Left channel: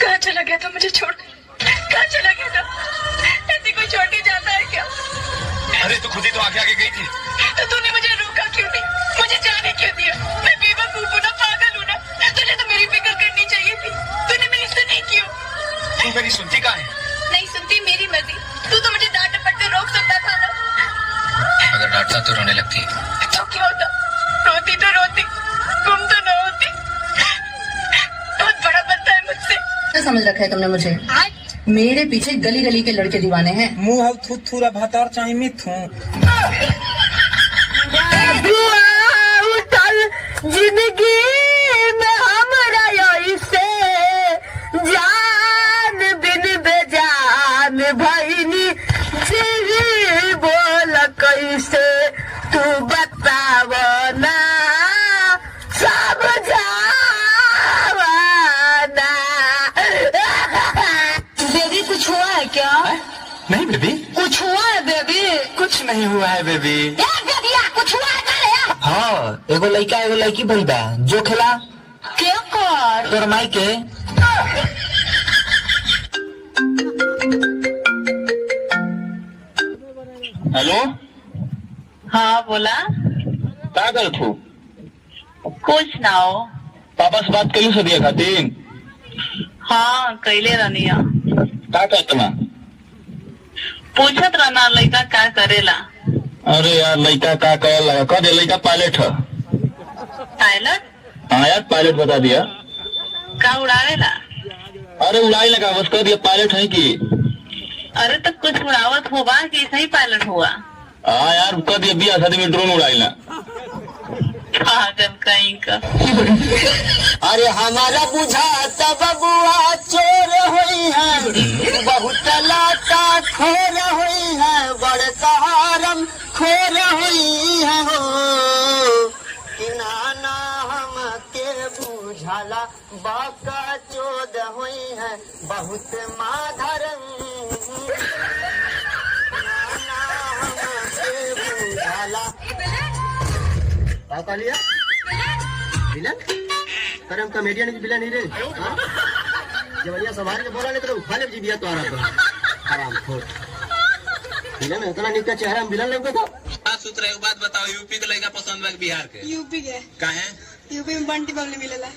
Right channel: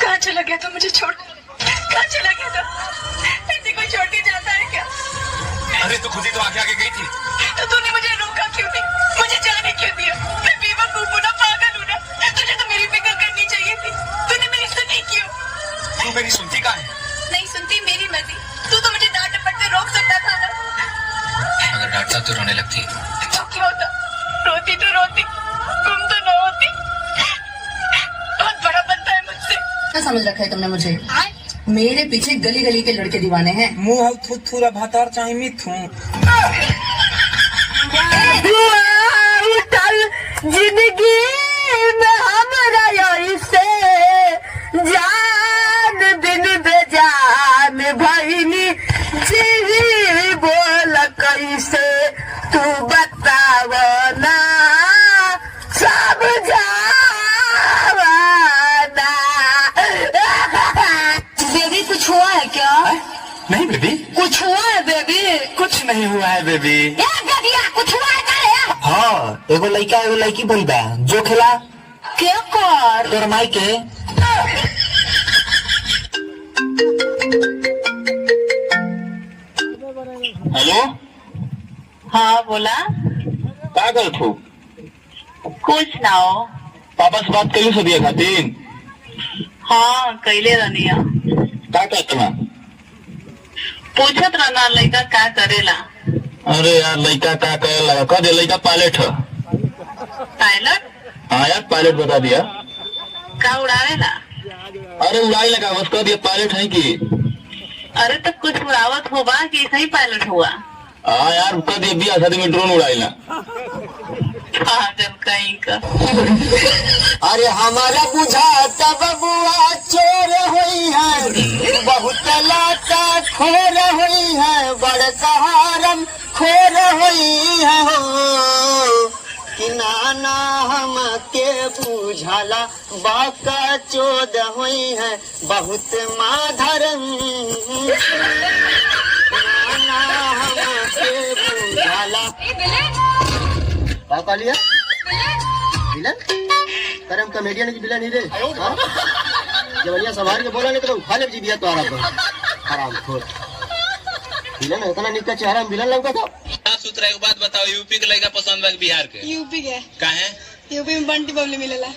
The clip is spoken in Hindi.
कहाँ चला गया था मुझे छोड़? कहाँ चला गया था? ऐसे कोई छोड़ के जाता है क्या? अरे तू खुद ही तो आगे आगे गई थी। तो तूने मुझे रोका क्यों नहीं? मुझे जाने क्यों दिया? मैं बेवकूफ हूँ ना, पागल हूँ ना? तुझे तो मेरी फिक्र करनी चाहिए थी। तूने मेरी सुनी क्यों? तू मेरी सुनती कहाँ है? नहीं सुनती, मेरी मर्जी। तू तो मुझे डांट डपट से रोक सकता था ना। अगर डांटता तो रोने लगती। तो क्या होता? रोती तो रोती, गुम तो न होती। बहुत बड़ा बनता है मुझसे। क्या समझ रखा है तुमने मुझे? मेरे पीछे गली गली के लड़के दीवाने हैं। मुंह थूरा भातार चाहे मिथू। जिंदगी में हमारा से जान बिन बेजान भईनी जी बोल कैसे तू बतावना सब जावना। बेबी कुछ हुआ है क्या? नहीं बेबी, कुछ हुआ है बेबी? कुछ नहीं हुआ है बेबी। कुछ हुआ है क्या? हाँ, एगो लड़का एगो लड़की भइल बा। जो खेला क्या कर तोर माई के। हेलो, हाँ बोला। क्या कर तू? कुछ ना हो। पापा से बात करी सदिया खातिर? हाँ कैले रनिया। क्या कहते मैं? पूछत रहना लड़का क्या करेला। अरे यार लड़का क्या करेला? कह दे लड़का पायलट है। पायलट? हाँ यार पायलट बता दिया। का उड़ावेला? अरे उड़ाई लगा बस कह दिया पायलट है कि। अरे तो कुछ उड़ावत होगा कि ऐसा ही पायलट हुआ? हाँ यार कह दिया बिया शादी में ड्रोन उड़ाई ना। पागल कहीं का। अरे हमारा बुझाता बबुआ चोर हुई है, बहुत लाता खोर हुई है, बड़ सहारम खोर हुई है हो। कि नाना हम के बुझाला बाका चोद हुई है, बहुत माधरम। नाना हम के बुझाला क्या कह लिया? विलन? अरे हम कॉमेडियन की विलन नहीं रे। जवनिया संभाल के बोला नहीं तो उठा ले जीबिया तो आराम खोल। विलन है इतना निका चेहरा में विलन लगता था। साफ सुथरा एक बात बताओ, यूपी के लड़का पसंद है बिहार के? यूपी के का है? यूपी में बंटी बबली मिलेला।